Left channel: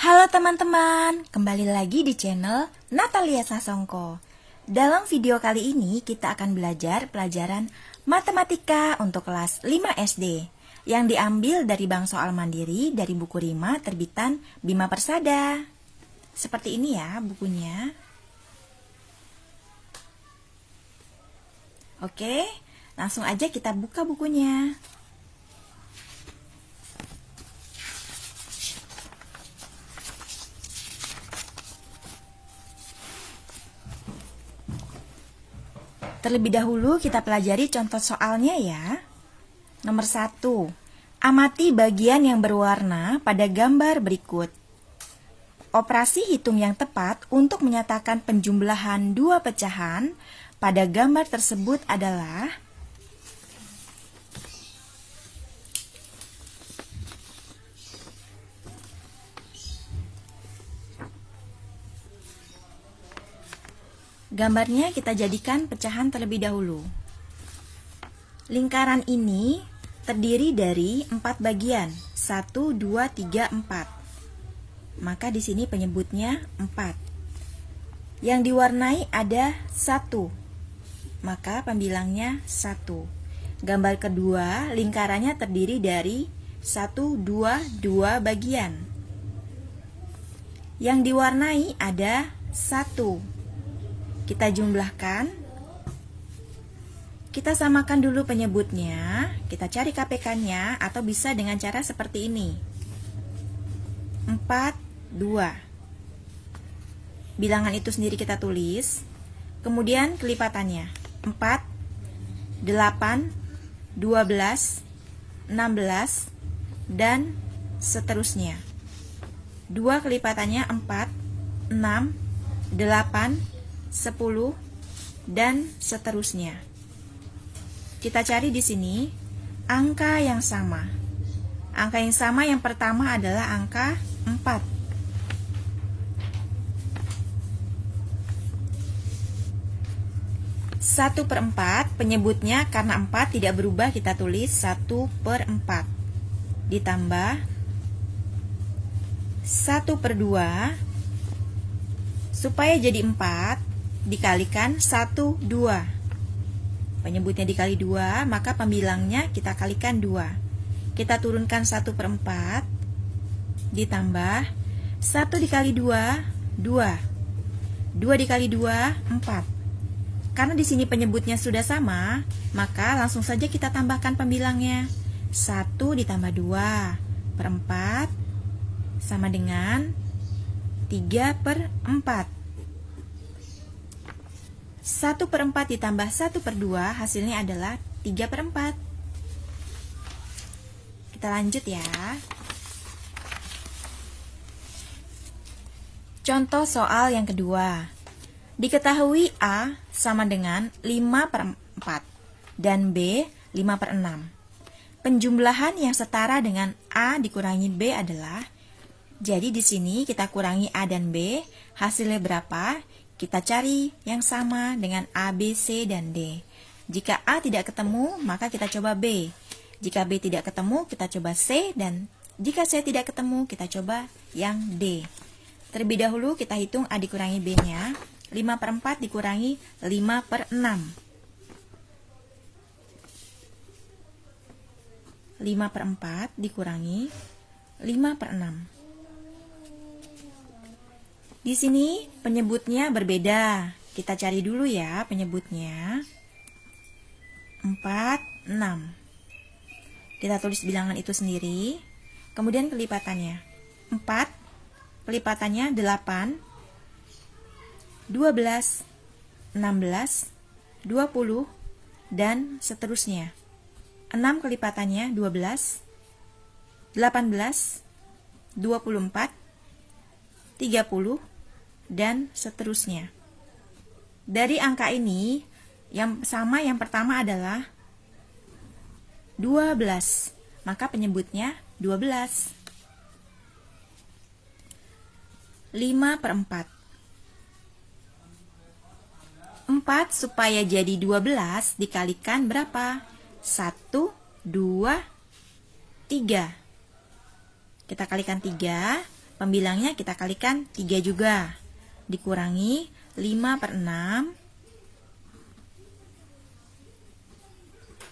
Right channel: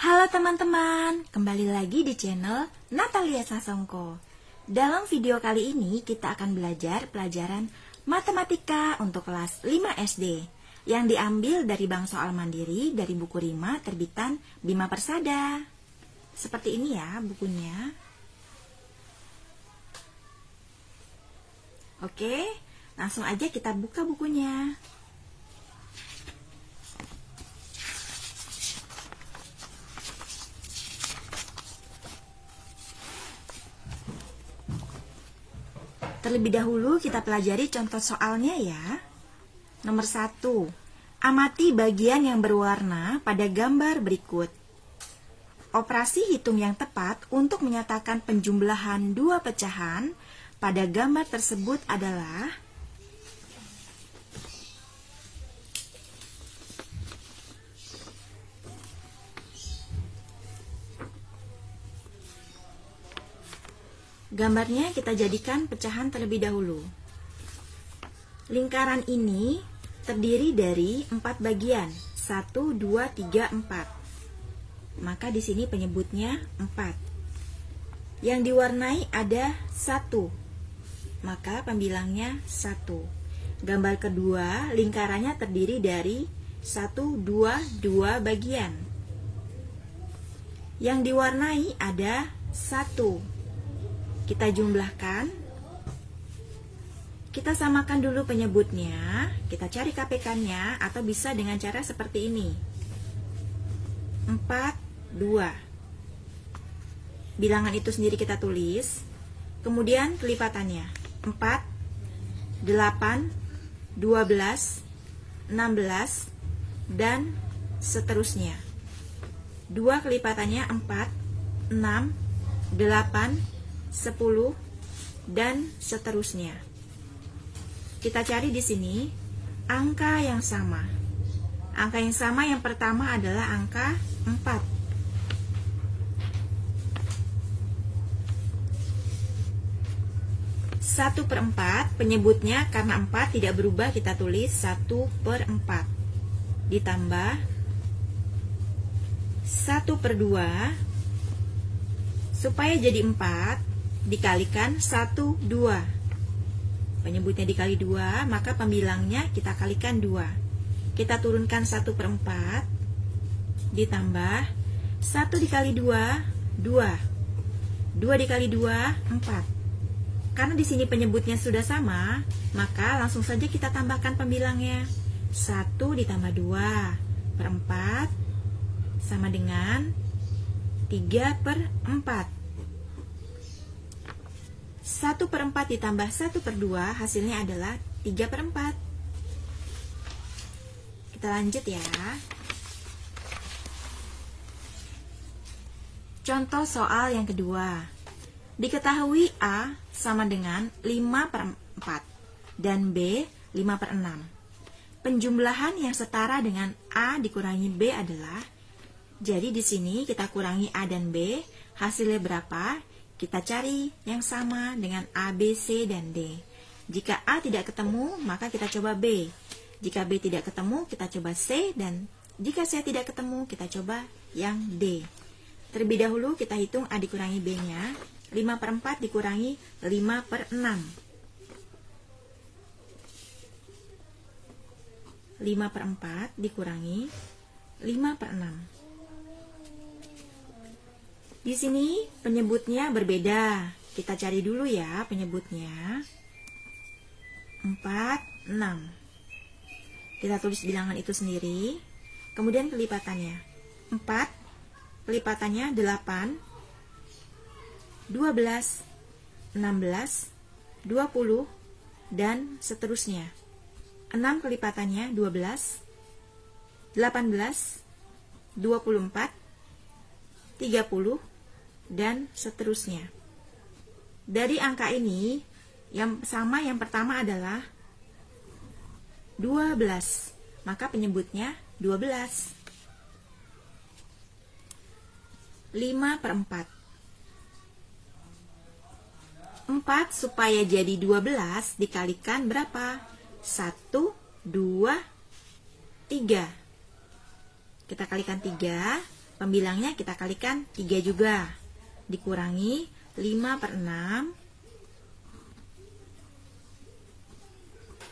Halo teman-teman, kembali lagi di channel Natalia Sasongko. Dalam video kali ini kita akan belajar pelajaran matematika untuk kelas 5 SD yang diambil dari bank soal mandiri dari buku Rima terbitan Bima Persada. Seperti ini ya bukunya. Oke, langsung aja kita buka bukunya. Terlebih dahulu kita pelajari contoh soalnya ya. Nomor 1. Amati bagian yang berwarna pada gambar berikut. Operasi hitung yang tepat untuk menyatakan penjumlahan dua pecahan pada gambar tersebut adalah gambarnya kita jadikan pecahan terlebih dahulu. Lingkaran ini terdiri dari 4 bagian, 1, 2, 3, 4. Maka di sini penyebutnya 4. Yang diwarnai ada 1, maka pembilangnya 1. Gambar kedua, lingkarannya terdiri dari 1, 2, 2 bagian. Yang diwarnai ada 1. Kita jumlahkan, kita samakan dulu penyebutnya, kita cari KPK-nya atau bisa dengan cara seperti ini. 4, 2. Bilangan itu sendiri kita tulis, kemudian kelipatannya. 4, 8, 12, 16, dan seterusnya. 2 kelipatannya 4, 6, 8, 10 dan seterusnya. Kita cari di sini angka yang sama. Angka yang sama yang pertama adalah angka 4. Satu per 4 penyebutnya karena 4 tidak berubah kita tulis 1 per 4 ditambah 1 per 2 supaya jadi 4 dikalikan 1, 2. Penyebutnya dikali 2, maka pembilangnya kita kalikan 2. Kita turunkan 1 per 4, ditambah 1 dikali 2, 2. 2 dikali 2, 4. Karena di sini penyebutnya sudah sama, maka langsung saja kita tambahkan pembilangnya. 1 ditambah 2 per 4 sama dengan 3 per 4. 1 per 4 ditambah 1 per 2 hasilnya adalah 3 per 4. Kita lanjut ya. Contoh soal yang kedua. Diketahui A sama dengan 5 per 4 dan B 5 per 6. Penjumlahan yang setara dengan A dikurangi B adalah, jadi di sini kita kurangi A dan B, hasilnya berapa? Kita cari yang sama dengan A, B, C, dan D. Jika A tidak ketemu, maka kita coba B. Jika B tidak ketemu, kita coba C. Dan jika C tidak ketemu, kita coba yang D. Terlebih dahulu kita hitung A dikurangi B-nya. 5 per 4 dikurangi 5 per 6. 5 per 4 dikurangi 5 per 6. Di sini penyebutnya berbeda. Kita cari dulu ya penyebutnya. 4, 6. Kita tulis bilangan itu sendiri. Kemudian kelipatannya. 4, kelipatannya 8, 12, 16, 20, dan seterusnya. 6 kelipatannya 12, 18, 24, 30, dan seterusnya. Dari angka ini, yang sama yang pertama adalah 12, maka penyebutnya 12. 5 per 4. 4 supaya jadi 12 dikalikan berapa? 1, 2, 3. Kita kalikan 3, Pembilangnya kita kalikan 3 juga. Dikurangi 5 per 6.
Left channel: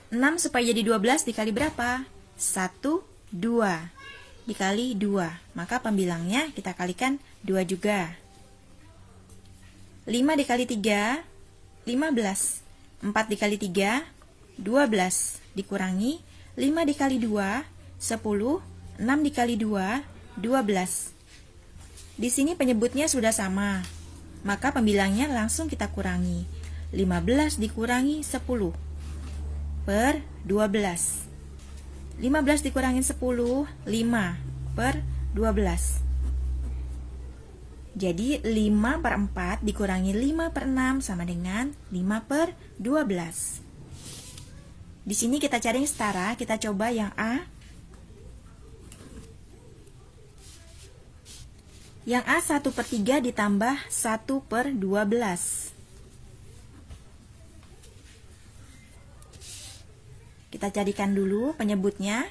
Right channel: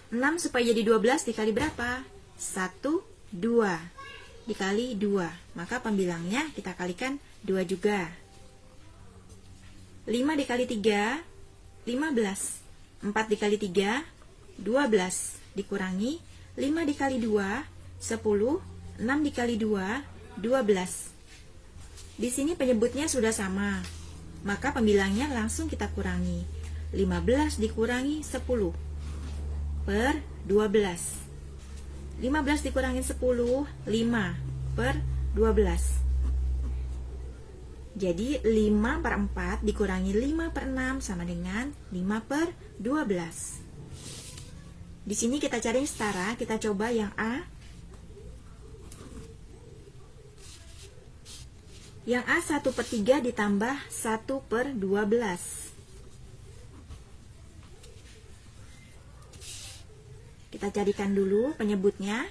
6 supaya jadi 12 dikali berapa? 1, 2. Dikali 2. Maka pembilangnya kita kalikan 2 juga. 5 dikali 3, 15. 4 dikali 3, 12. Dikurangi 5 dikali 2, 10. 6 dikali 2, 12. Di sini penyebutnya sudah sama. Maka pembilangnya langsung kita kurangi. 15 dikurangi 10 per 12. 15 dikurangi 10, 5 per 12. Jadi 5 per 4 dikurangi 5 per 6 sama dengan 5 per 12. Di sini kita cari setara, kita coba yang A. Yang A 1 per 3 ditambah 1 per 12. Kita carikan dulu penyebutnya.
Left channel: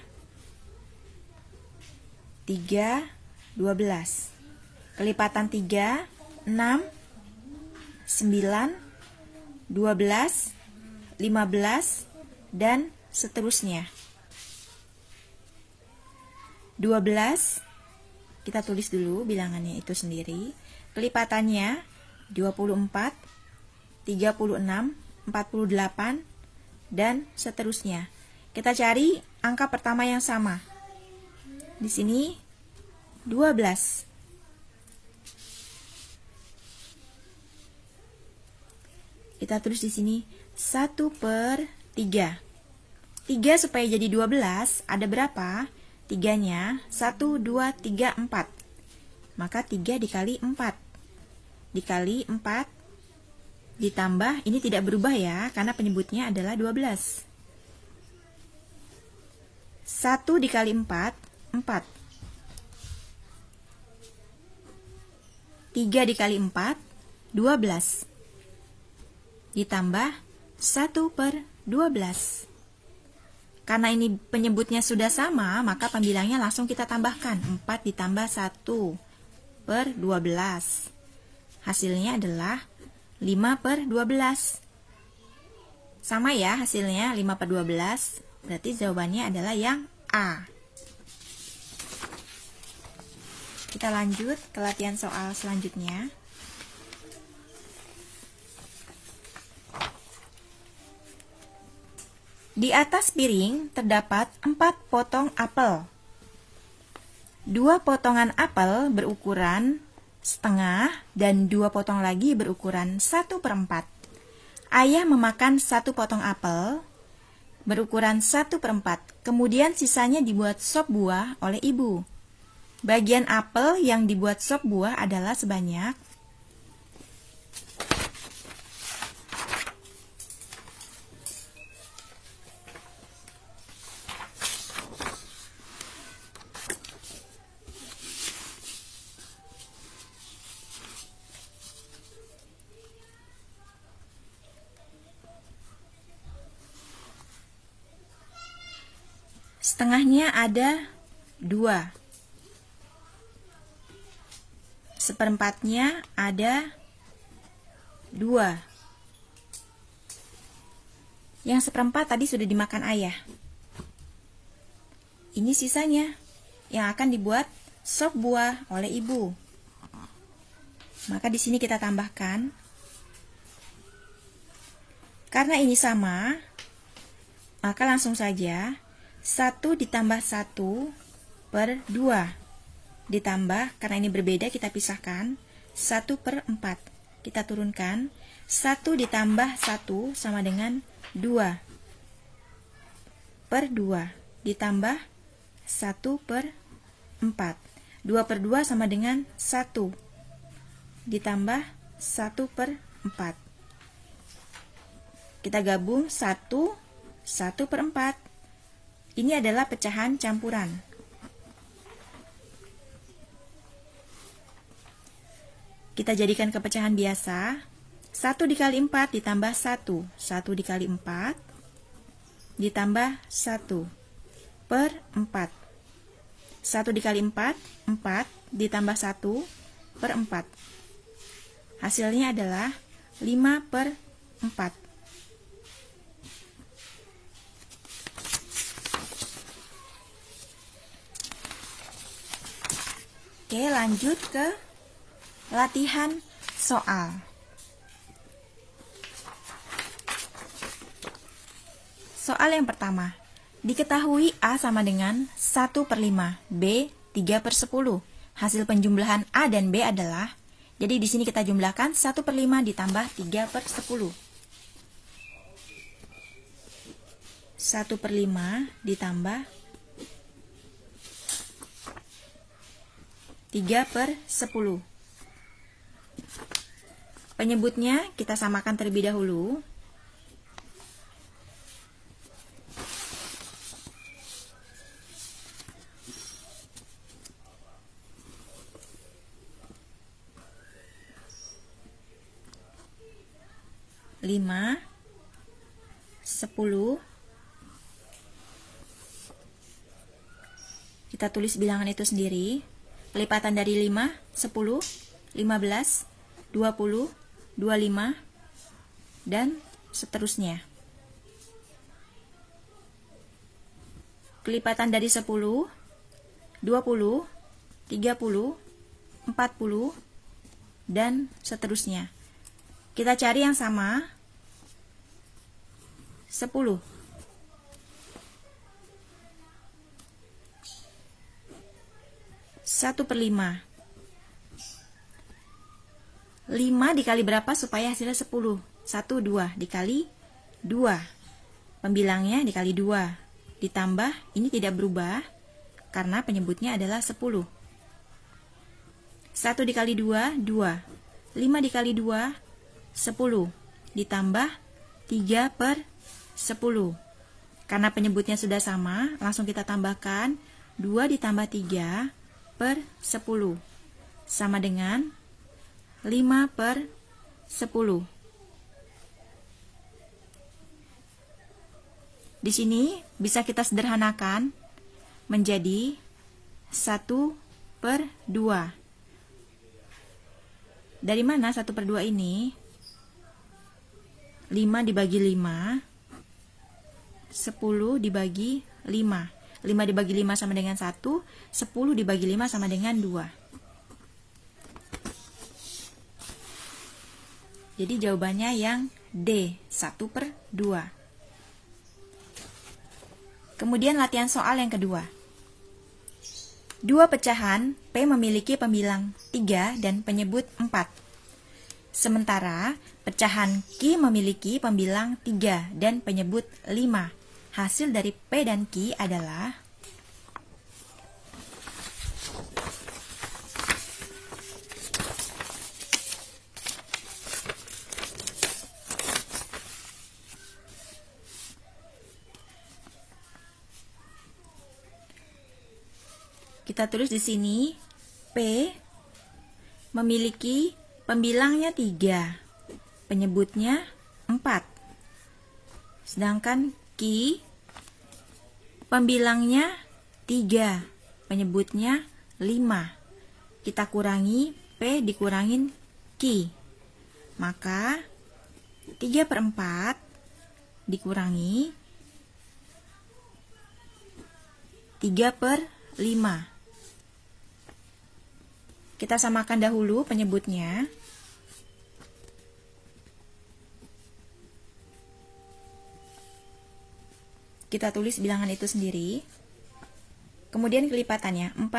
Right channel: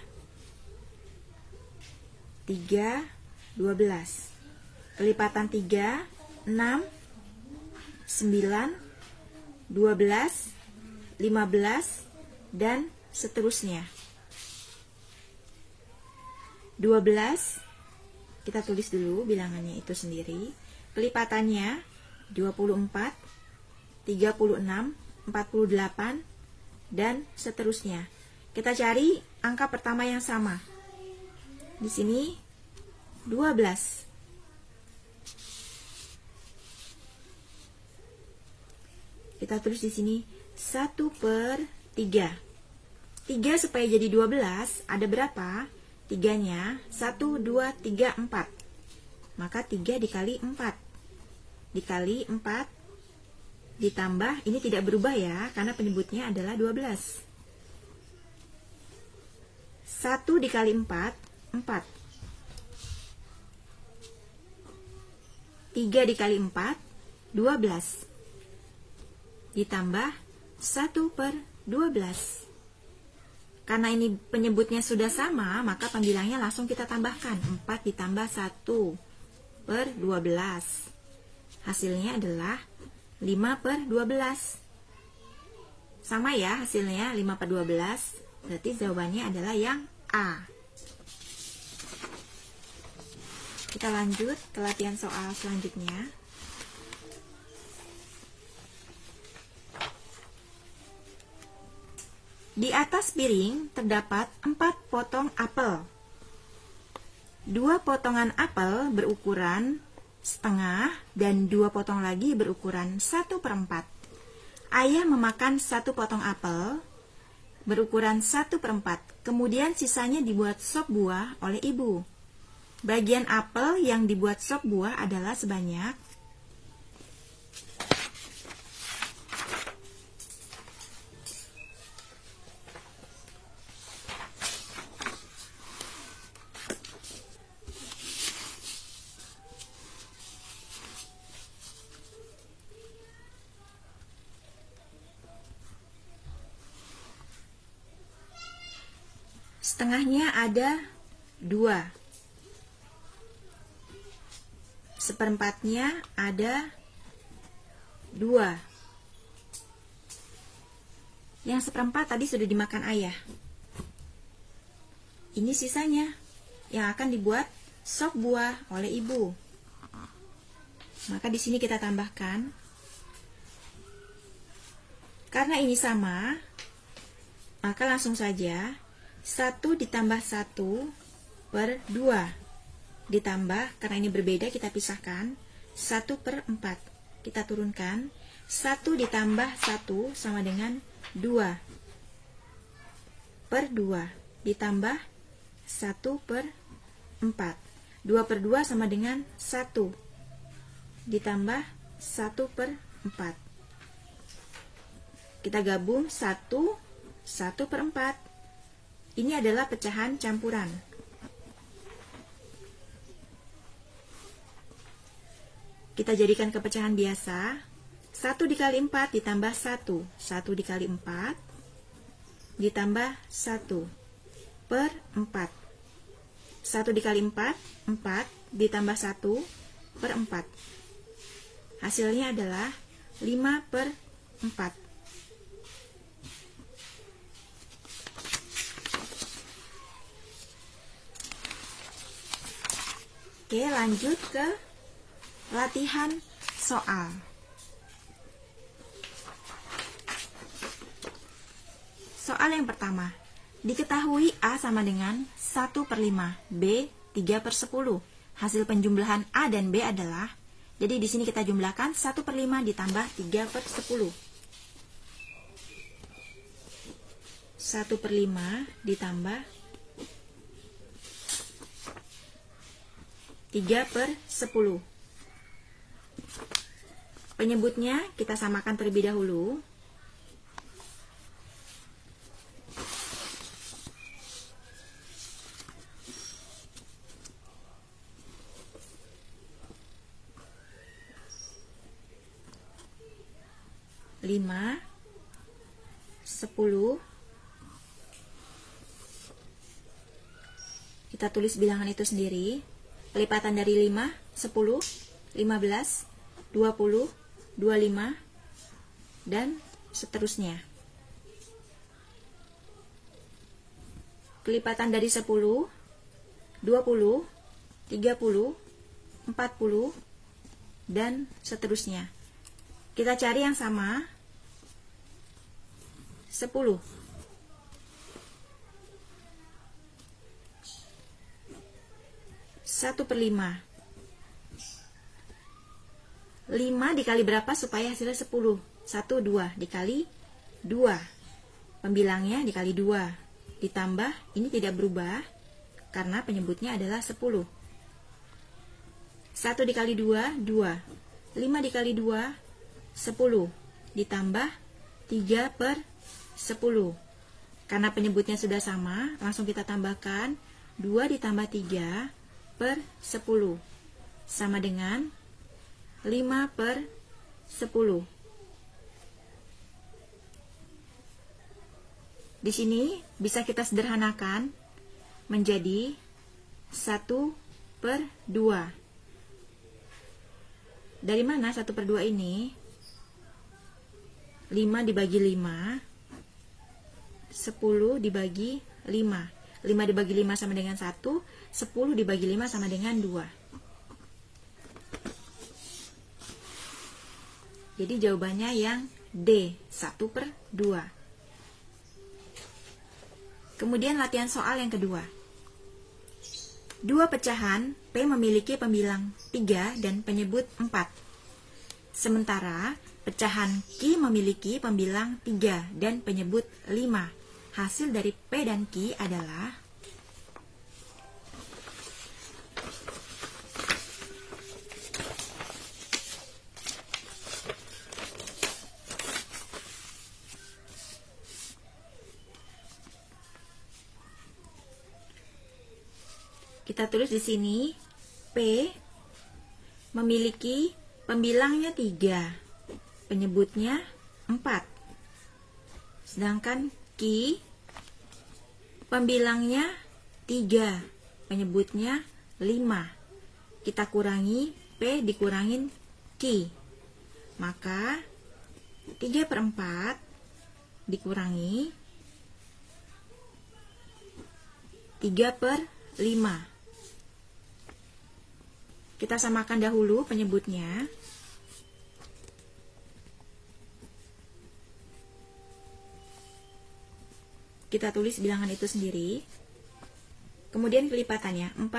3, 12. Kelipatan 3, 6, 9, 12, 15, dan seterusnya. 12, kita tulis dulu bilangannya itu sendiri. Kelipatannya 24, 36, 48, dan seterusnya. Kita cari angka pertama yang sama. Di sini 12. Kita tulis di sini 1 per 3. 3 supaya jadi 12 ada berapa? 3-nya 1, 2, 3, 4. Maka 3 dikali 4. Dikali 4 ditambah, ini tidak berubah ya, karena penyebutnya adalah 12. 1 dikali 4, 4. 3 dikali 4, 12. Ditambah 1 per 12. Karena ini penyebutnya sudah sama, maka pembilangnya langsung kita tambahkan. 4 ditambah 1 per 12. Hasilnya adalah 5 per 12. Sama ya hasilnya, 5 per 12. Berarti jawabannya adalah yang A. Kita lanjut ke latihan soal selanjutnya. Di atas piring terdapat 4 potong apel. 2 potongan apel berukuran setengah dan 2 potong lagi berukuran 1 per 4. Ayah memakan 1 potong apel berukuran 1 per 4. Kemudian sisanya dibuat sop buah oleh ibu. Bagian apel yang dibuat sop buah adalah sebanyak setengahnya ada 2. Seperempatnya ada 2. Yang seperempat tadi sudah dimakan ayah. Ini sisanya yang akan dibuat sop buah oleh ibu. Maka di sini kita tambahkan. Karena ini sama, maka langsung saja 1 ditambah 1 per 2. Ditambah, karena ini berbeda kita pisahkan, 1 per 4. Kita turunkan, 1 ditambah 1 sama dengan 2 per 2. Ditambah 1 per 4. 2 per 2 sama dengan 1. Ditambah 1 per 4. Kita gabung 1, 1 per 4. Ini adalah pecahan campuran. Kita jadikan ke pecahan biasa. 1 dikali 4 ditambah 1. 1 dikali 4 ditambah 1 per 4. 1 dikali 4, 4 ditambah 1 per 4. Hasilnya adalah 5 per 4. Oke, lanjut ke latihan soal. Soal yang pertama, diketahui A sama dengan 1 per 5, B 3 per 10. Hasil penjumlahan A dan B adalah, jadi di sini kita jumlahkan 1 per 5 ditambah 3 per 10. 1 per 5 ditambah 3 per 10. Penyebutnya kita samakan terlebih dahulu. Lima, 10. Kita tulis bilangan itu sendiri. Kelipatan dari 5, 10, 15, 20, 25, dan seterusnya. Kelipatan dari 10, 20, 30, 40, dan seterusnya. Kita cari yang sama. 10. 1 per 5. 5 dikali berapa supaya hasilnya 10? 1, 2 dikali 2. Pembilangnya dikali 2. Ditambah, ini tidak berubah karena penyebutnya adalah 10. 1 dikali 2, 2. 5 dikali 2, 10. Ditambah 3 per 10. Karena penyebutnya sudah sama, langsung kita tambahkan 2 ditambah 3 per 10. Sama dengan 5 per 10. Di sini bisa kita sederhanakan menjadi 1 per 2. Dari mana 1 per 2 ini? 5 dibagi 5, 10 dibagi 5. 5 dibagi 5 sama dengan 1, 10 dibagi 5 sama dengan 2. Jadi jawabannya yang D, 1 per 2. Kemudian latihan soal yang kedua. Dua pecahan P memiliki pembilang 3 dan penyebut 4. Sementara pecahan Q memiliki pembilang 3 dan penyebut 5. Hasil dari P dan Q adalah kita tulis di sini P memiliki pembilangnya 3, penyebutnya 4. Sedangkan Q pembilangnya 3, penyebutnya 5. Kita kurangi P dikurangin Q. Maka 3 per 4 dikurangi 3 per 5. Kita samakan dahulu penyebutnya. Kita tulis bilangan itu sendiri. Kemudian kelipatannya 4,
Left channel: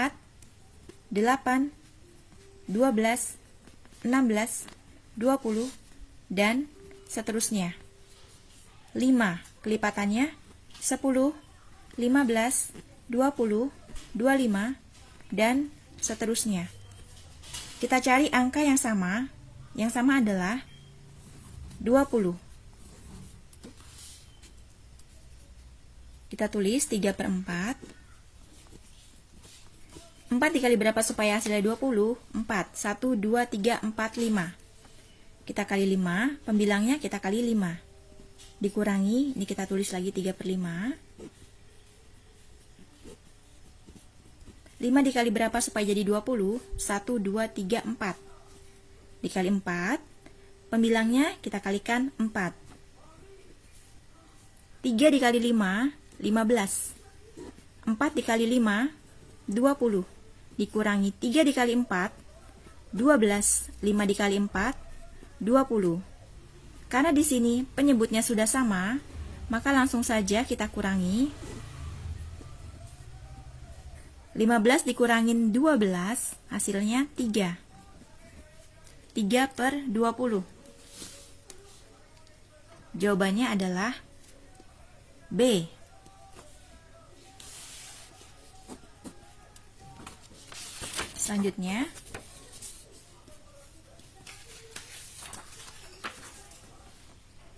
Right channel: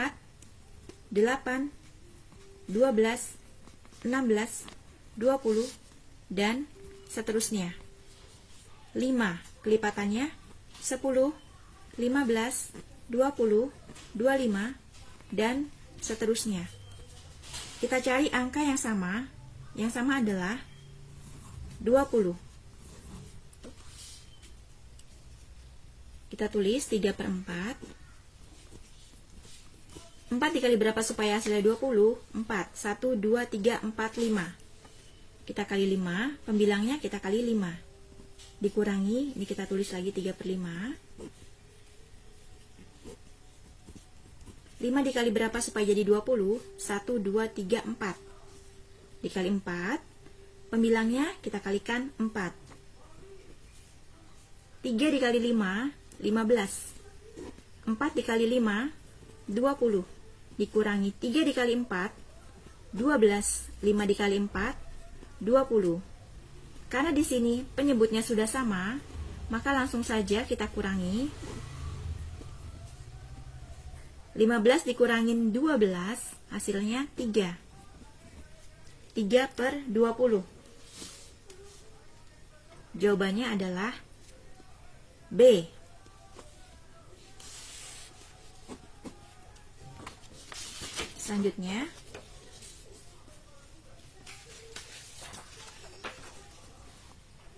8, 12, 16, 20, dan seterusnya. 5 kelipatannya 10, 15, 20, 25, dan seterusnya. Kita cari angka yang sama adalah 20. Kita tulis 3 per 4. 4 dikali berapa supaya hasilnya 20? 4. 1, 2, 3, 4, 5. Kita kali 5, pembilangnya kita kali 5. Dikurangi, ini kita tulis lagi 3 per 5. 5 dikali berapa supaya jadi 20? 1, 2, 3, 4. Dikali 4, pembilangnya kita kalikan 4. 3 dikali 5, 15. 4 dikali 5, 20. Dikurangi 3 dikali 4, 12. 5 dikali 4, 20. Karena di sini penyebutnya sudah sama, maka langsung saja kita kurangi. 15 dikurangin 12, hasilnya 3. 3 per 20. Jawabannya adalah B. Selanjutnya,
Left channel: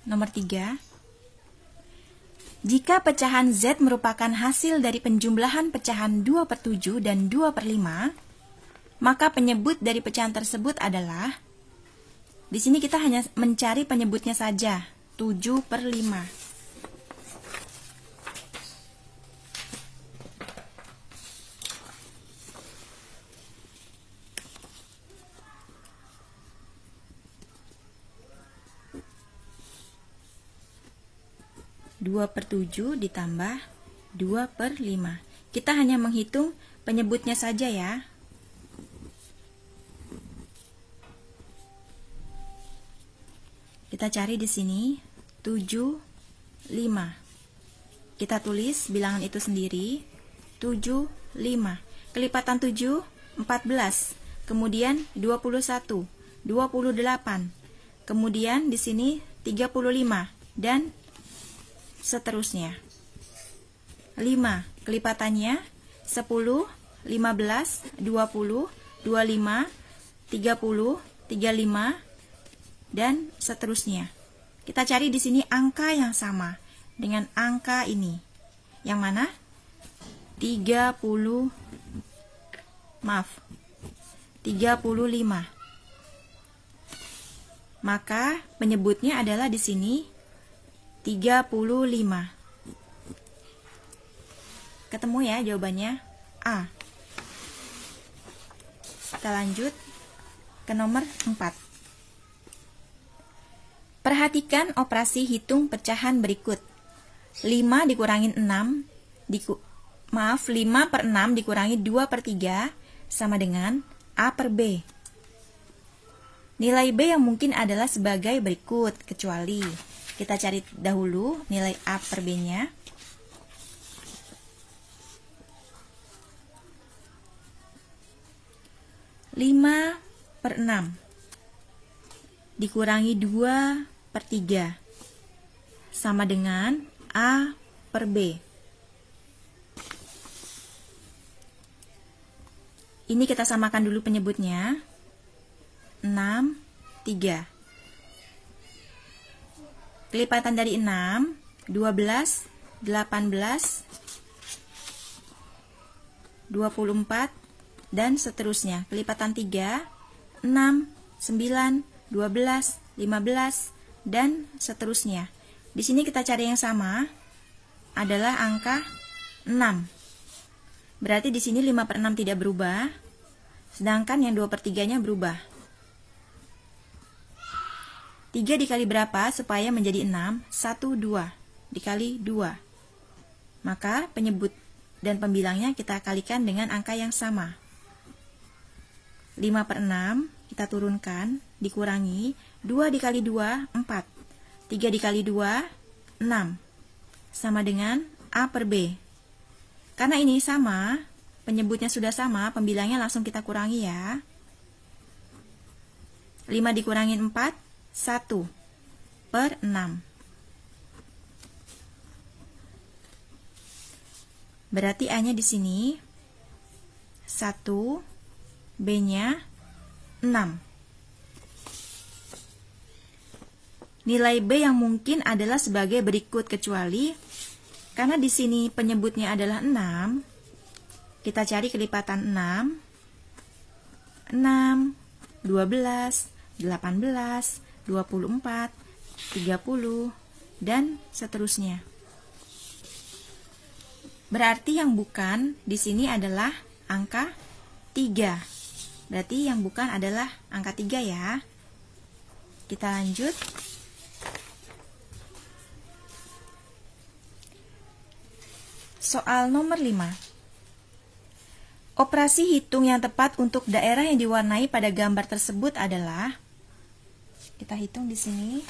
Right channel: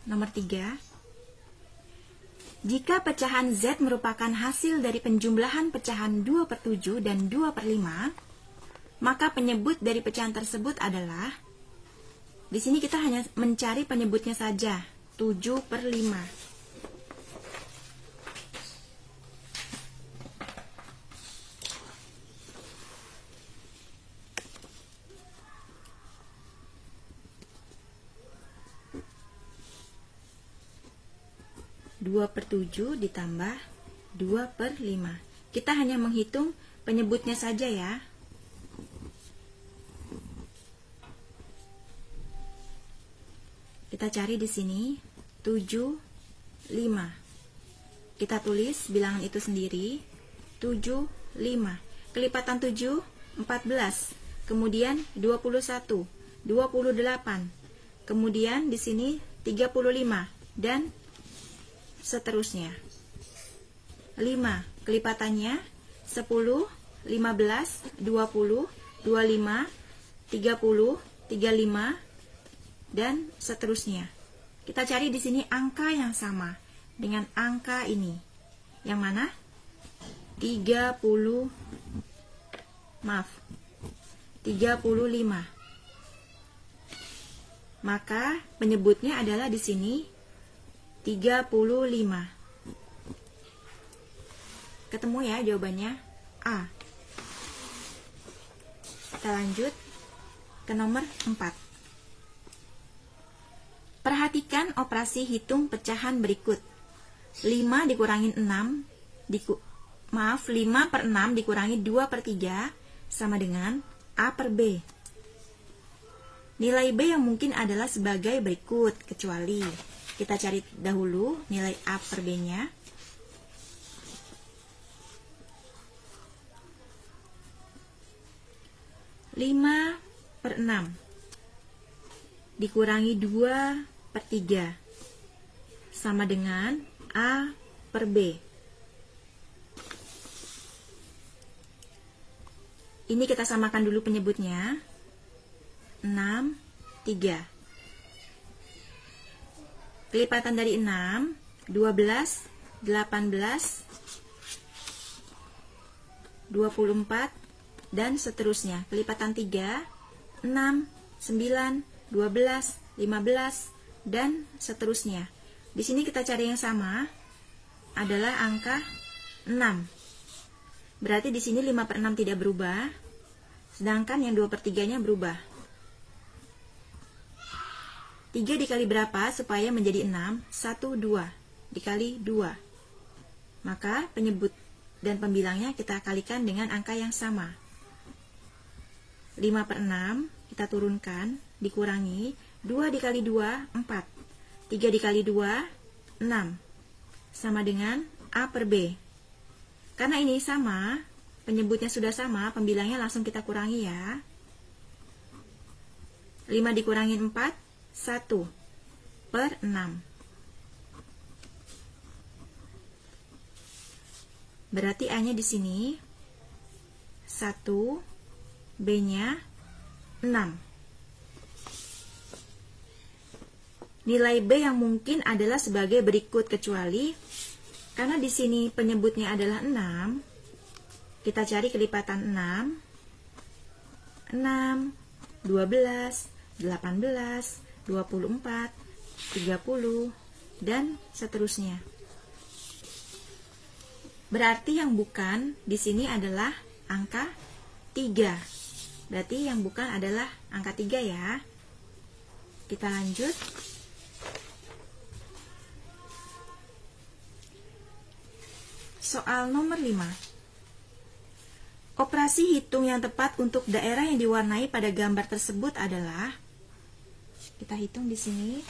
nomor 3. Jika pecahan Z merupakan hasil dari penjumlahan pecahan 2 per 7 dan 2 per 5, maka penyebut dari pecahan tersebut adalah, di sini kita hanya mencari penyebutnya saja, 7 per 5. Dua per 7 ditambah 2 per 5. Kita hanya menghitung penyebutnya saja ya. Kita cari di sini 7, 5. Kita tulis bilangan itu sendiri, 7, 5. Kelipatan 7, 14. Kemudian 21, 28. Kemudian di sini 35 dan seterusnya. 5 kelipatannya 10, 15, 20, 25, 30, 35 dan seterusnya. Kita cari di sini angka yang sama dengan angka ini. Yang mana? 35. Maka penyebutnya adalah di sini 35. Ketemu ya jawabannya? A. Kita lanjut ke nomor 4. Perhatikan operasi hitung pecahan berikut. 5 dikurangin 6, 5 per 6 dikurangi 2 per 3 sama dengan A per B. Nilai B yang mungkin adalah sebagai berikut, kecuali kita cari dahulu nilai A per B-nya. Lima per 6 dikurangi 2 per 3 sama dengan A per B. Ini kita samakan dulu penyebutnya. 6, 3. Kelipatan dari 6, 12, 18, 24, dan seterusnya. Kelipatan 3, 6, 9, 12, 15, dan seterusnya. Di sini kita cari yang sama, adalah angka 6. Berarti di sini 5 per 6 tidak berubah, sedangkan yang 2 per 3-nya berubah. 3 dikali berapa supaya menjadi 6? 1, 2. Dikali 2. Maka penyebut dan pembilangnya kita kalikan dengan angka yang sama. 5 per 6 kita turunkan, dikurangi 2 dikali 2, 4. 3 dikali 2, 6. Sama dengan A per B. Karena ini sama, penyebutnya sudah sama, pembilangnya langsung kita kurangi ya. 5 dikurangi 4, 1 per 6. Berarti A-nya di sini 1, B-nya 6. Nilai B yang mungkin adalah sebagai berikut, kecuali karena di sini penyebutnya adalah 6, kita cari kelipatan 6, 6, 12, 18, 24, 30, dan seterusnya. Berarti yang bukan di sini adalah angka 3. Berarti yang bukan adalah angka 3 ya. Kita lanjut. Soal nomor 5. Operasi hitung yang tepat untuk daerah yang diwarnai pada gambar tersebut adalah, kita hitung di sini.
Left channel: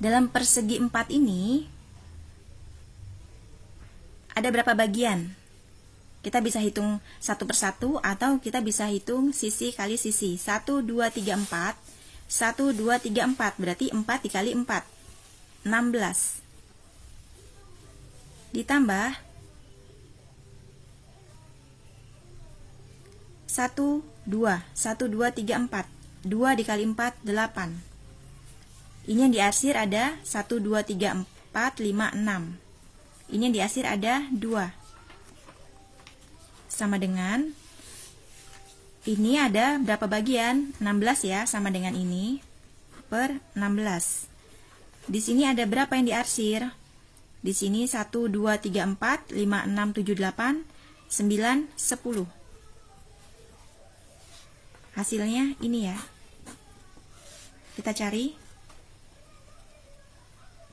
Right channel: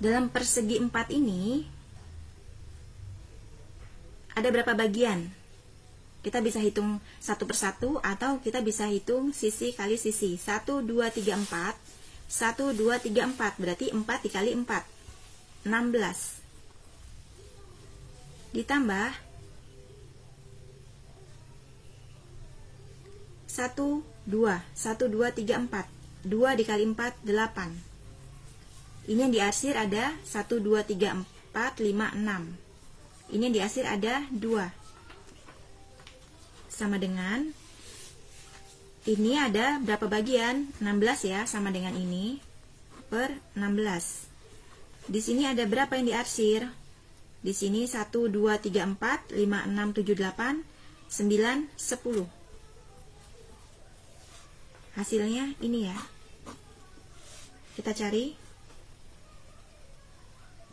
Dalam persegi 4 ini ada berapa bagian? Kita bisa hitung satu persatu atau kita bisa hitung sisi kali sisi. 1, 2, 3, 4. 1, 2, 3, 4. Berarti 4 dikali 4. 16. Ditambah 1, 2. 1, 2, 3, 4. 2 dikali 4, 8. Ini yang diarsir ada 1, 2, 3, 4, 5, 6. Ini yang diarsir ada 2. Sama dengan, ini ada berapa bagian? 16 ya, sama dengan ini, per 16. Di sini ada berapa yang diarsir? Di sini 1, 2, 3, 4, 5, 6, 7, 8, 9, 10. Hasilnya ini ya. Kita cari.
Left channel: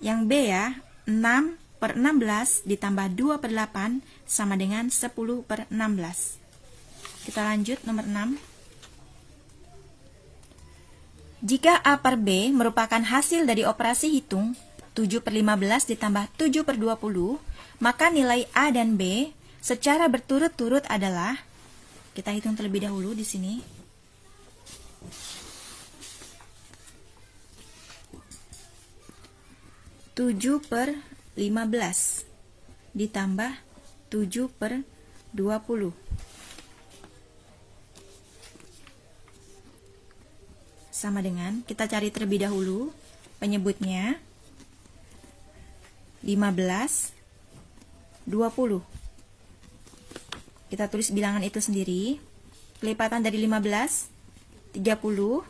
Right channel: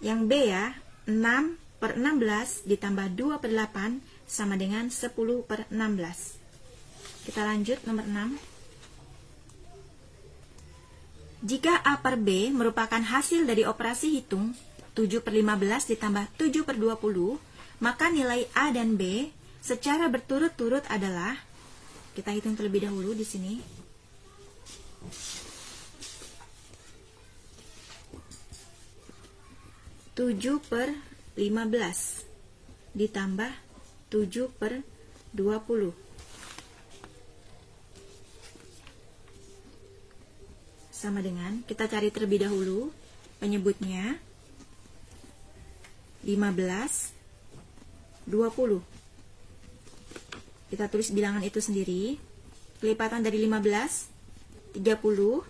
Yang B ya, 6 per 16 ditambah 2 per 8 sama dengan 10 per 16. Kita lanjut nomor 6. Jika A per B merupakan hasil dari operasi hitung 7 per 15 ditambah 7 per 20, maka nilai A dan B secara berturut-turut adalah, kita hitung terlebih dahulu di sini. Tujuh per 15 ditambah 7 per 20 sama dengan, kita cari terlebih dahulu penyebutnya, 15, 20. Kita tulis bilangan itu sendiri. Kelipatan dari 15, 30,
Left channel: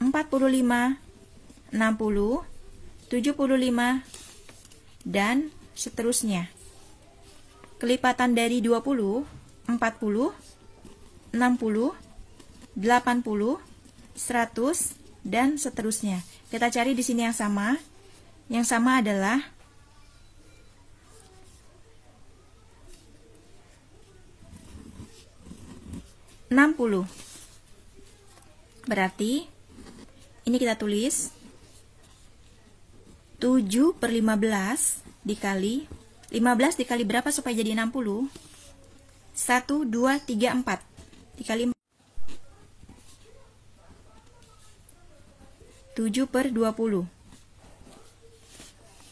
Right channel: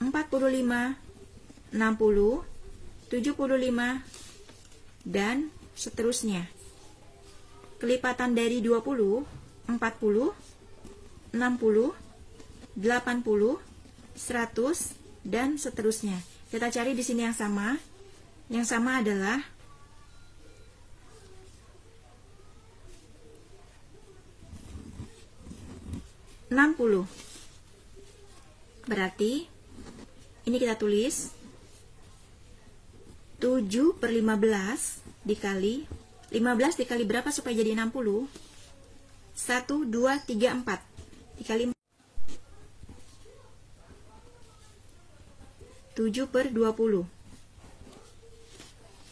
45, 60, 75, dan seterusnya. Kelipatan dari 20, 40, 60, 80, 100, dan seterusnya. Kita cari di sini yang sama. Yang sama adalah 60. Berarti ini kita tulis 7 per 15 dikali 15 dikali berapa supaya jadi 60? 1, 2, 3, 4 dikali 7 per 20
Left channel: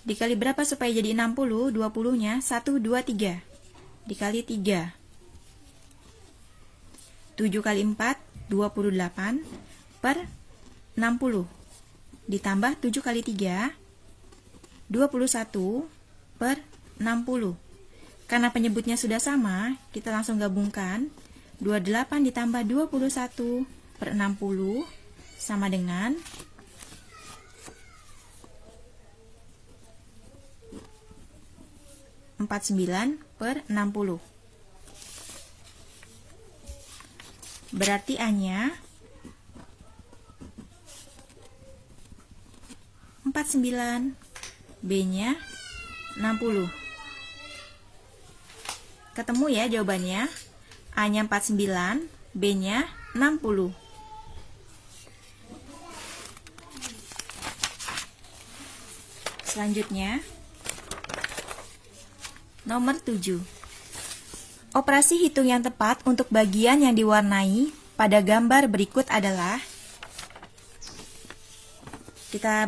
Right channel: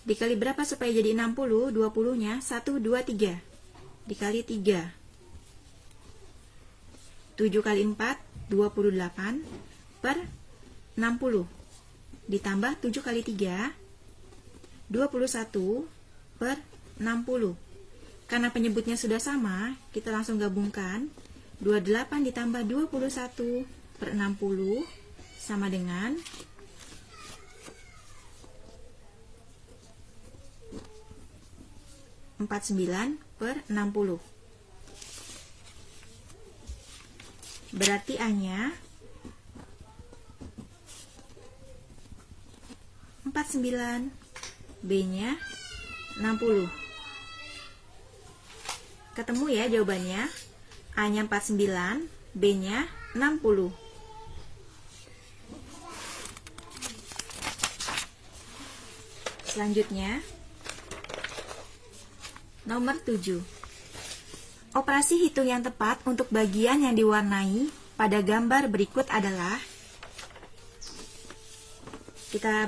dikali berapa supaya jadi 60? 20 nya 1, 2, 3 dikali 3. 7 kali 4 28 per 60 ditambah 7 kali 3 21 per 60. Karena penyebutnya sudah sama, kita langsung gabungkan. 28 ditambah 21 per 60 sama dengan 49 per 60. Berarti A-nya 49, B-nya 60. Ketemu ya jawabannya. A-nya 49, B-nya 60. Selanjutnya, nomor 7. Operasi hitung yang tepat untuk bagian yang diwarnai pada gambar berikut adalah, kita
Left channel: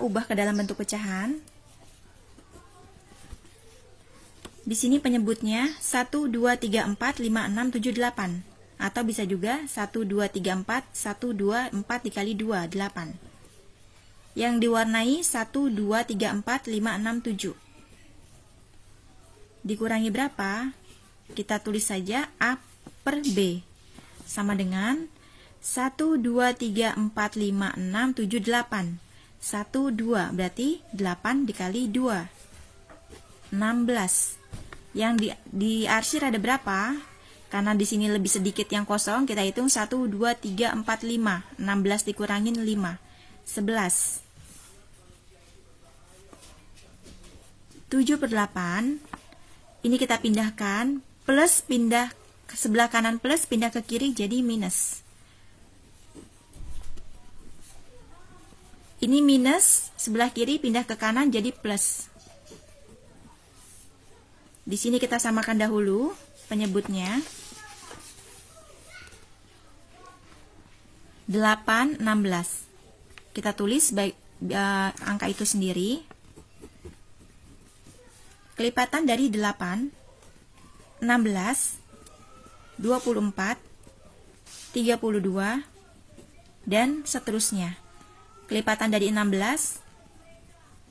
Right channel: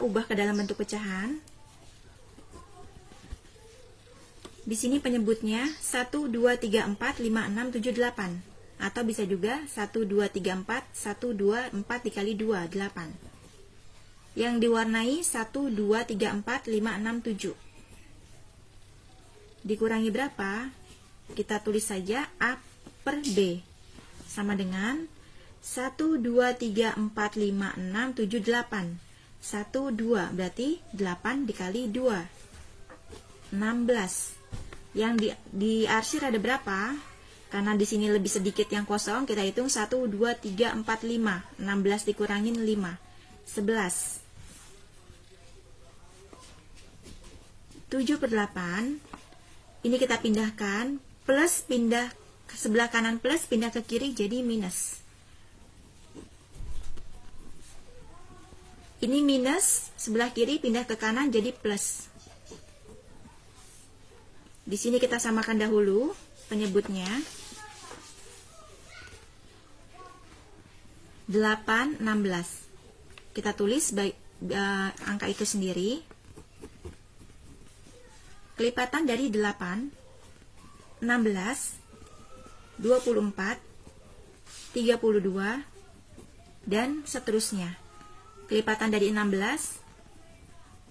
ubah ke dalam bentuk pecahan. Di sini penyebutnya 1, 2, 3, 4, 5, 6, 7, 8. Atau bisa juga 1, 2, 3, 4, 1, 2, 4 dikali 2, 8. Yang diwarnai 1, 2, 3, 4, 5, 6, 7. Dikurangi berapa? Kita tulis saja A per B. Sama dengan 1, 2, 3, 4, 5, 6, 7, 8. 1, 2. Berarti 8 dikali 2. 16. Yang di arsir ada berapa? Karena di sini lebih sedikit yang kosong, kita hitung 1, 2, 3, 4, 5. 16 dikurangin 5. 11. 7/8. Ini kita pindahkan, plus pindah ke sebelah kanan, plus pindah ke kiri jadi minus. Ini minus, sebelah kiri pindah ke kanan jadi plus. Di sini kita samakan dahulu penyebutnya. 8, 16. Kita tulis baik angka itu sendiri. Kelipatan dari 8, 16, 24, 32, dan seterusnya. Kelipatan dari 16,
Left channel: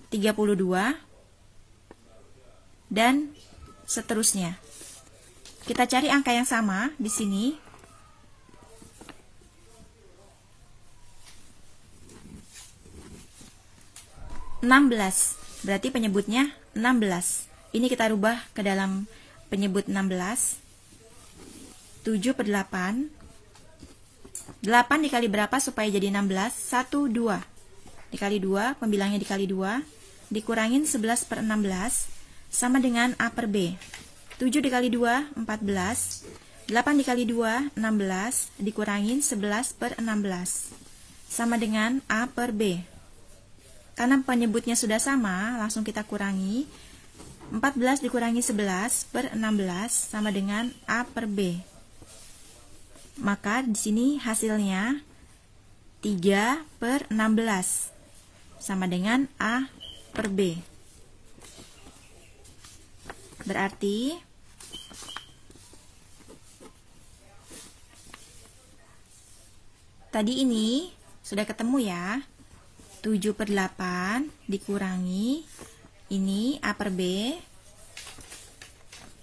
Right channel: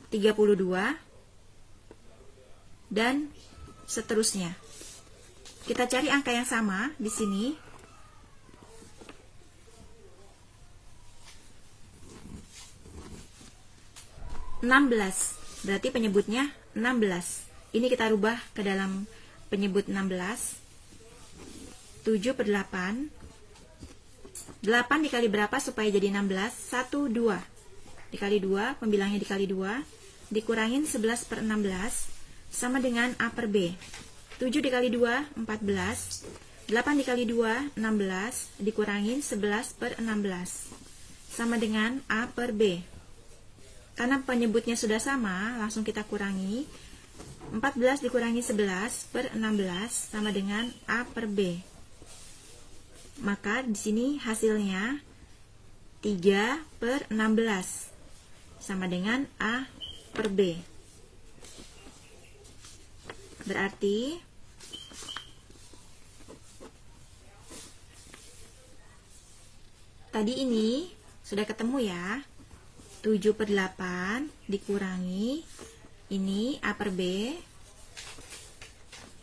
32, dan seterusnya. Kita cari angka yang sama di sini. Berarti penyebutnya 16. Ini kita rubah ke dalam penyebut 16. 7/8. 8 dikali berapa supaya jadi 16? 1, 2. Dikali 2, pembilangnya dikali 2. Dikurangin 11/16 sama dengan A per B. 7 dikali 2, 14. 8 dikali 2, 16. Dikurangin 11/16 sama dengan A per B. Karena penyebutnya sudah sama, langsung kita kurangi. 14 dikurangi 11/16 sama dengan A per B. Maka di sini hasilnya 3/16 sama dengan A per B. Berarti tadi ini sudah ketemu ya. 7/8 dikurangi ini A per B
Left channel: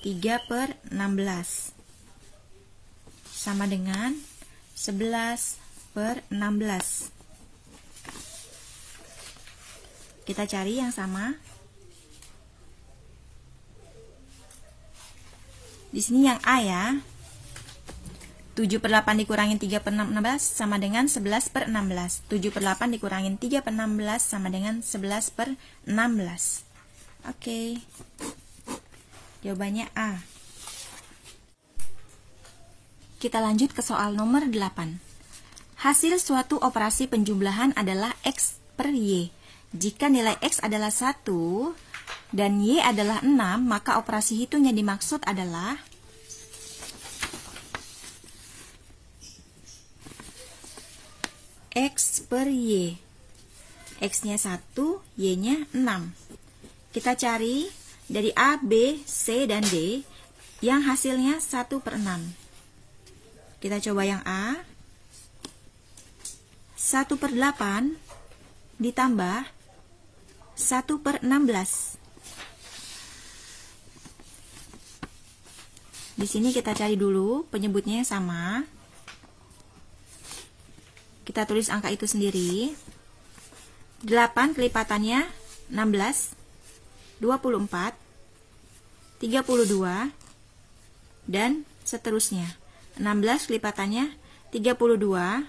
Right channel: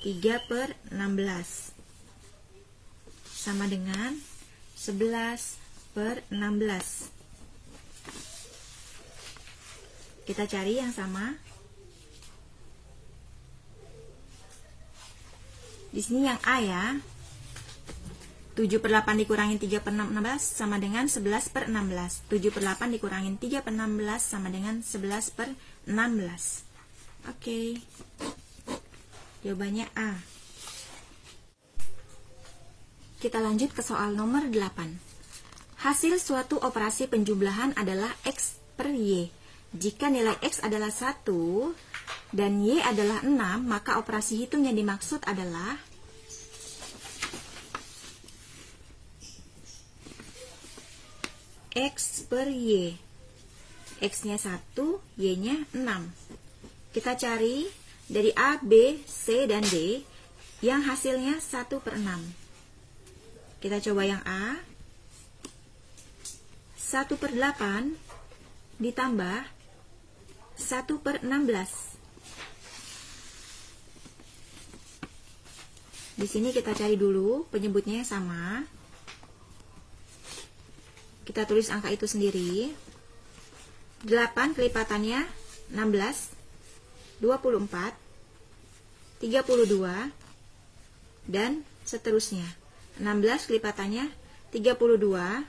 3/16 sama dengan 11/16. Kita cari yang sama. Di sini yang A ya. 7/8 dikurangin 3/16 sama dengan 11/16. 7/8 dikurangin 3/16 sama dengan 11/16. Oke. Jawabannya A. Kita lanjut ke soal nomor 8. Hasil suatu operasi penjumlahan adalah X per Y. Jika nilai X adalah 1 dan Y adalah 6, maka operasi hitung yang dimaksud adalah X per Y. X-nya 1, Y-nya 6. Kita cari dari A, B, C, dan D yang hasilnya 1/6. Kita coba yang A. 1/8 ditambah 1/16. Di sini kita cari dulu penyebutnya yang sama. Kita tulis angka itu sendiri. 8 kelipatannya 16, 24, 32, dan seterusnya. 16 kelipatannya 32,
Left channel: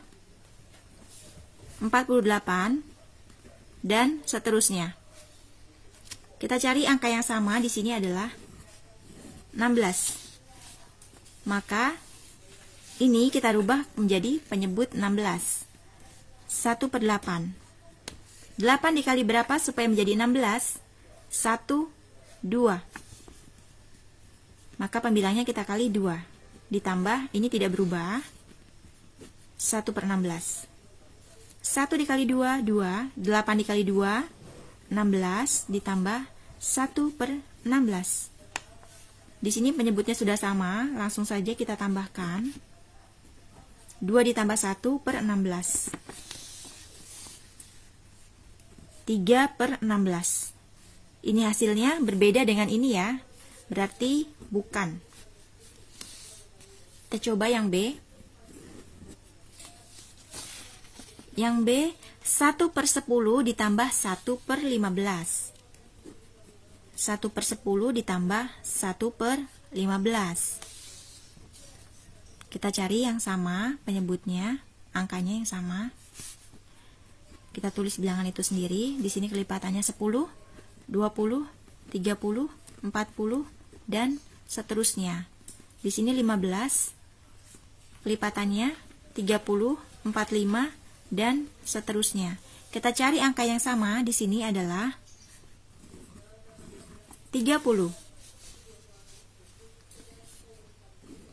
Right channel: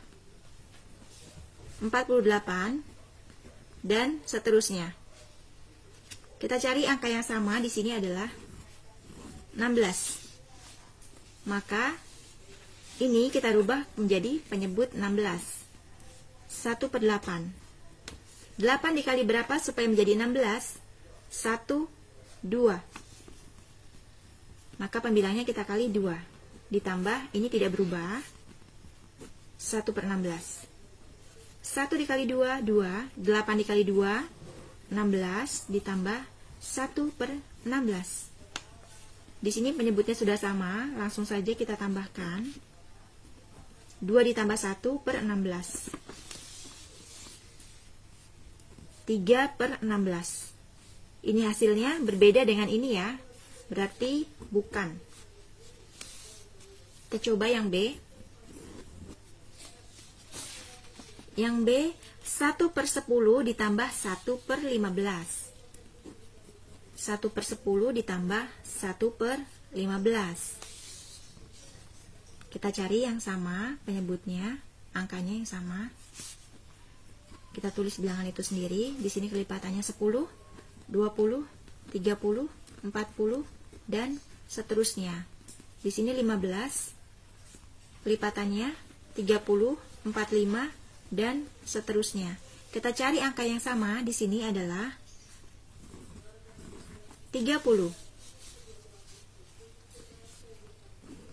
48, dan seterusnya. Kita cari angka yang sama di sini adalah 16. Maka ini kita rubah menjadi penyebut 16. 1/8. 8 dikali berapa supaya menjadi 16? 1, 2. Maka pembilangnya kita kali 2. Ditambah, ini tidak berubah. 1/16. 1 dikali 2, 2. 8 dikali 2, 16. Ditambah 1/16. Di sini penyebutnya sudah sama, langsung saja kita tambahkan. 2 ditambah 1/16. 3/16. Ini hasilnya berbeda dengan ini ya. Berarti bukan. Kita coba yang B. Yang B 1/10 ditambah 1/15. 1/10 ditambah 1/15. Kita cari yang sama penyebutnya, angkanya yang sama. Kita tulis bilangan itu sendiri. Di sini kelipatannya 10, 20, 30, 40, dan seterusnya. Di sini 15, kelipatannya 30, 45, dan seterusnya. Kita cari angka yang sama. Di sini adalah 30.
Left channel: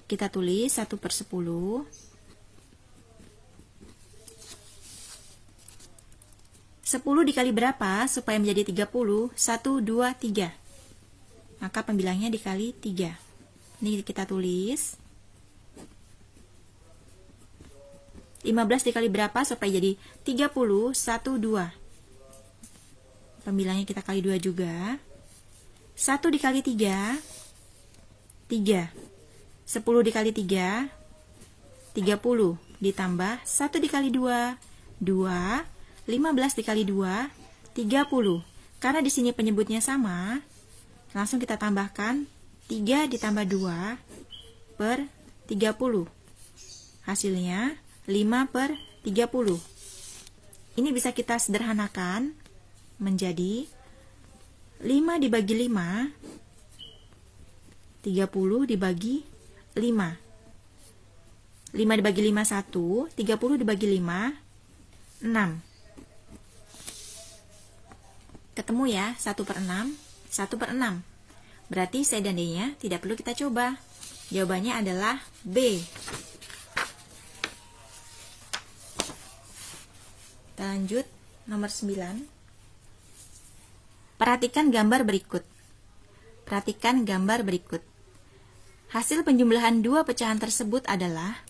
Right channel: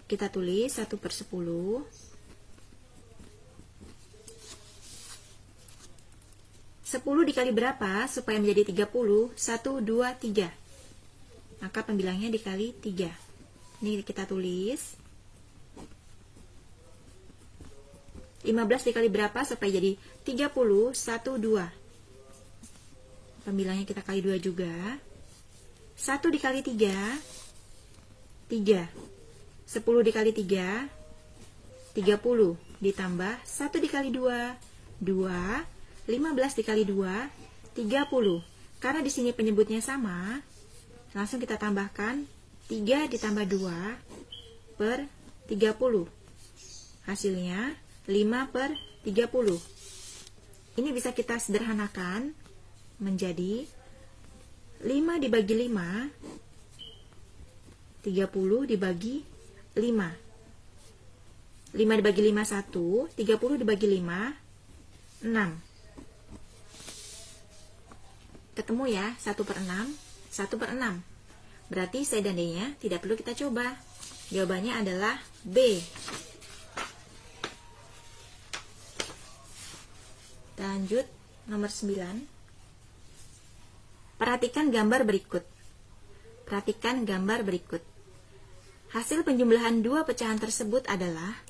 Kita tulis 1/10. 10 dikali berapa supaya menjadi 30? 1, 2, 3. Maka pembilangnya dikali 3. Ini kita tulis. 15 dikali berapa supaya jadi 30? 1, 2. Pembilangnya kita kali 2 juga. 1 dikali 3, 3. 10 dikali 3, 30. Ditambah 1 dikali 2, 2. 15 dikali 2, 30. Karena di sini penyebutnya sama, langsung kita tambahkan 3 ditambah 2 per 30. Hasilnya 5/30. Ini bisa kita sederhanakan menjadi 5 dibagi 5, 30 dibagi 5. 5 dibagi 5, 1. 30 dibagi 5, 6. Ketemu ya, 1/6, 1/6. Berarti C dan D-nya tidak perlu kita coba. Jawabannya adalah B. Kita lanjut, nomor 9. Perhatikan gambar berikut. Perhatikan gambar berikut. Hasil penjumlahan dua pecahan tersebut adalah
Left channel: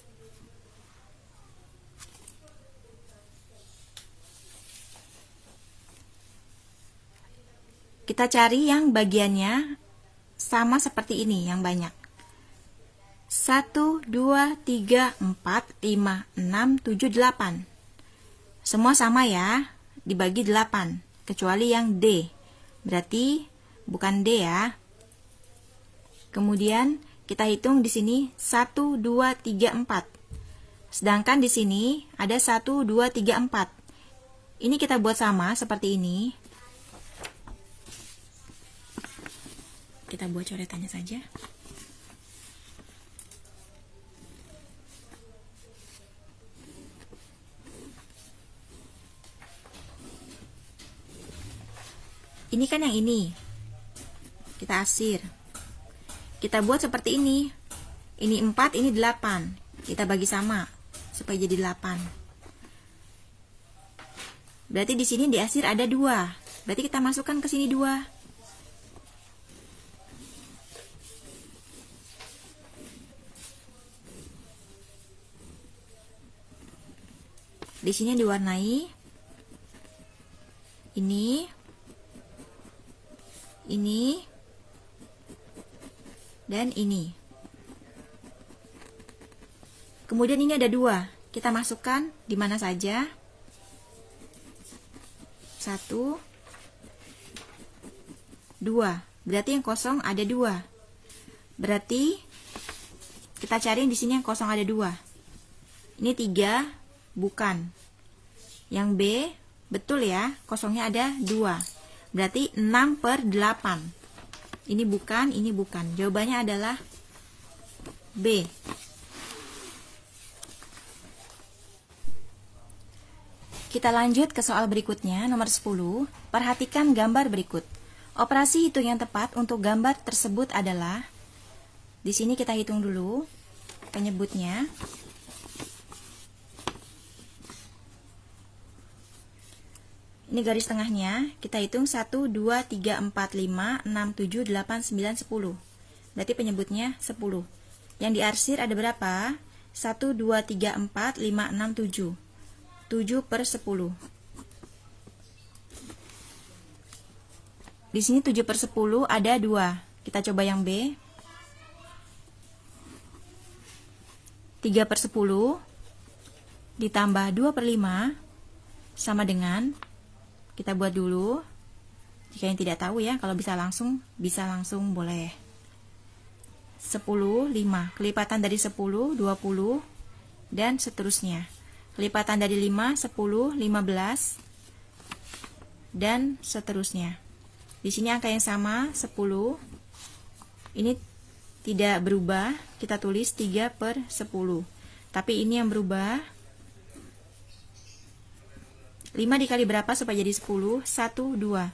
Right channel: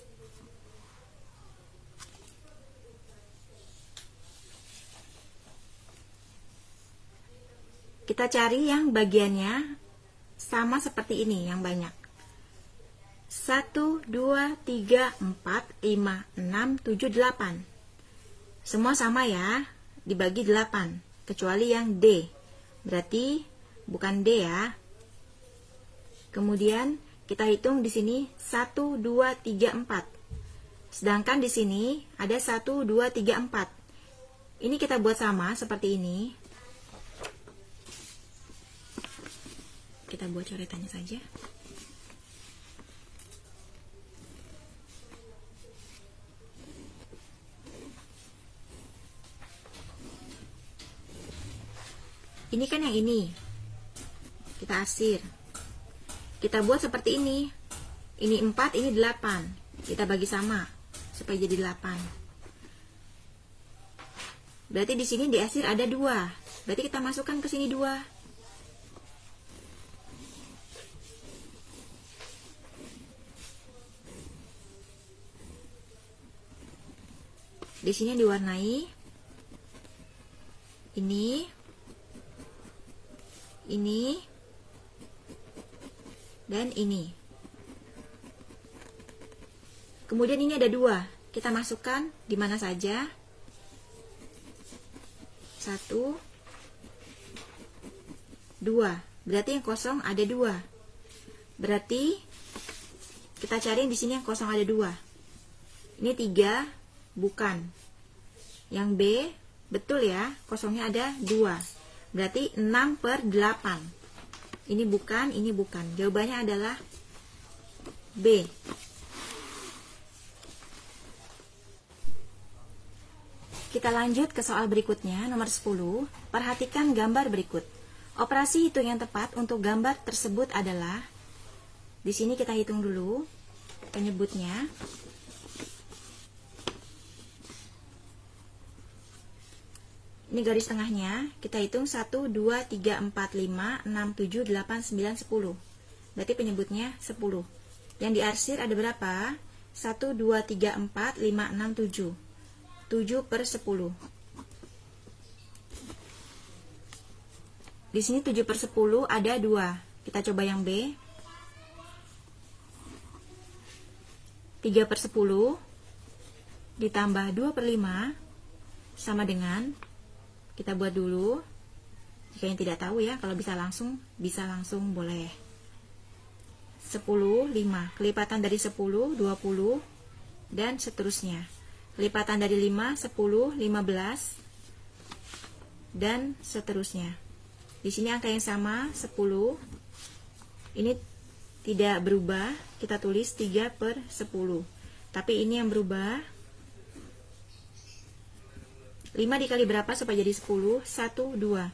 kita cari yang bagiannya sama seperti ini, yang banyak. 1, 2, 3, 4, 5, 6, 7, 8. Semua sama ya, dibagi 8, kecuali yang D. Berarti bukan D ya. Kemudian kita hitung di sini 1, 2, 3, 4. Sedangkan di sini ada 1, 2, 3, 4. Ini kita buat sama seperti ini. Kita buat coretannya saja. Ini kan yang ini. Kita arsir. Kita buat seperti ini. Ini 4, ini 8. Kita bagi sama supaya jadi 8. Berarti di sini diarsir ada 2. Berarti kita masukkan ke sini 2. Di sini diwarnai ini, dan ini. Kemudian ini ada 2. Kita masukkan di mana saja. 1, 2. Berarti yang kosong ada 2. Berarti kita cari di sini yang kosong ada 2. Ini 3, bukan. Yang B, betul ya, kosongnya ada 2. Berarti 6/8. Ini bukan, ini bukan. Jawabannya adalah B. Kita lanjut ke soal berikutnya, nomor 10. Perhatikan gambar berikut. Operasi hitung yang tepat untuk gambar tersebut adalah, di sini kita hitung dulu penyebutnya. Ini garis tengahnya, kita hitung 1, 2, 3, 4, 5, 6, 7, 8, 9, 10. Berarti penyebutnya 10. Yang diarsir ada berapa? 1, 2, 3, 4, 5, 6, 7. 7/10. Di sini 7/10 ada 2. Kita coba yang B. 3/10 ditambah 2/5 sama dengan, kita buat dulu. Jika yang tidak tahu ya, kalau bisa langsung boleh. 10, 5. Kelipatan dari 10, 20, dan seterusnya. Kelipatan dari 5, 10, 15, dan seterusnya. Di sini angka yang sama, 10. Ini tidak berubah, kita tulis 3/10. Tapi ini yang berubah. 5 dikali berapa supaya jadi 10? 1, 2.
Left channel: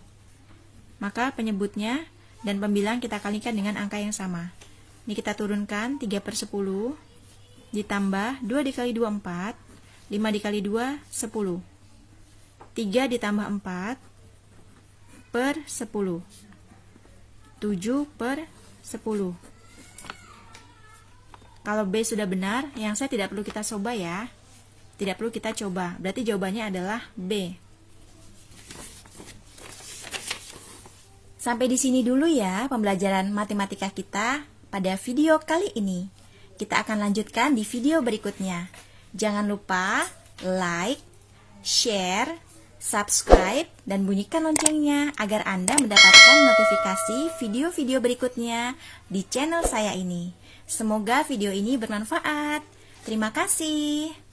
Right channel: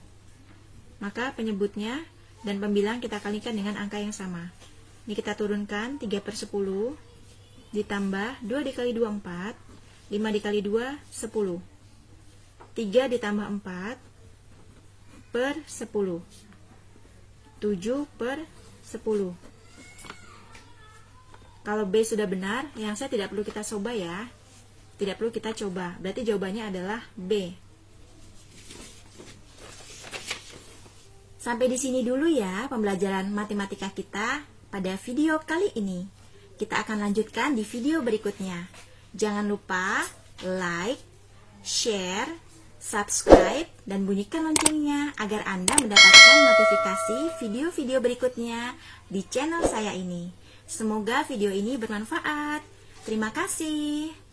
Maka penyebutnya dan pembilang kita kalikan dengan angka yang sama. Ini kita turunkan, 3/10, ditambah 2 dikali 2, 4, 5 dikali 2, 10. 3 ditambah 4/10. 7/10. Kalau B sudah benar, yang saya tidak perlu kita coba ya. Tidak perlu kita coba, berarti jawabannya adalah B. Sampai di sini dulu ya pembelajaran matematika kita pada video kali ini. Kita akan lanjutkan di video berikutnya. Jangan lupa like, share, subscribe, dan bunyikan loncengnya agar Anda mendapatkan notifikasi video-video berikutnya di channel saya ini. Semoga video ini bermanfaat. Terima kasih.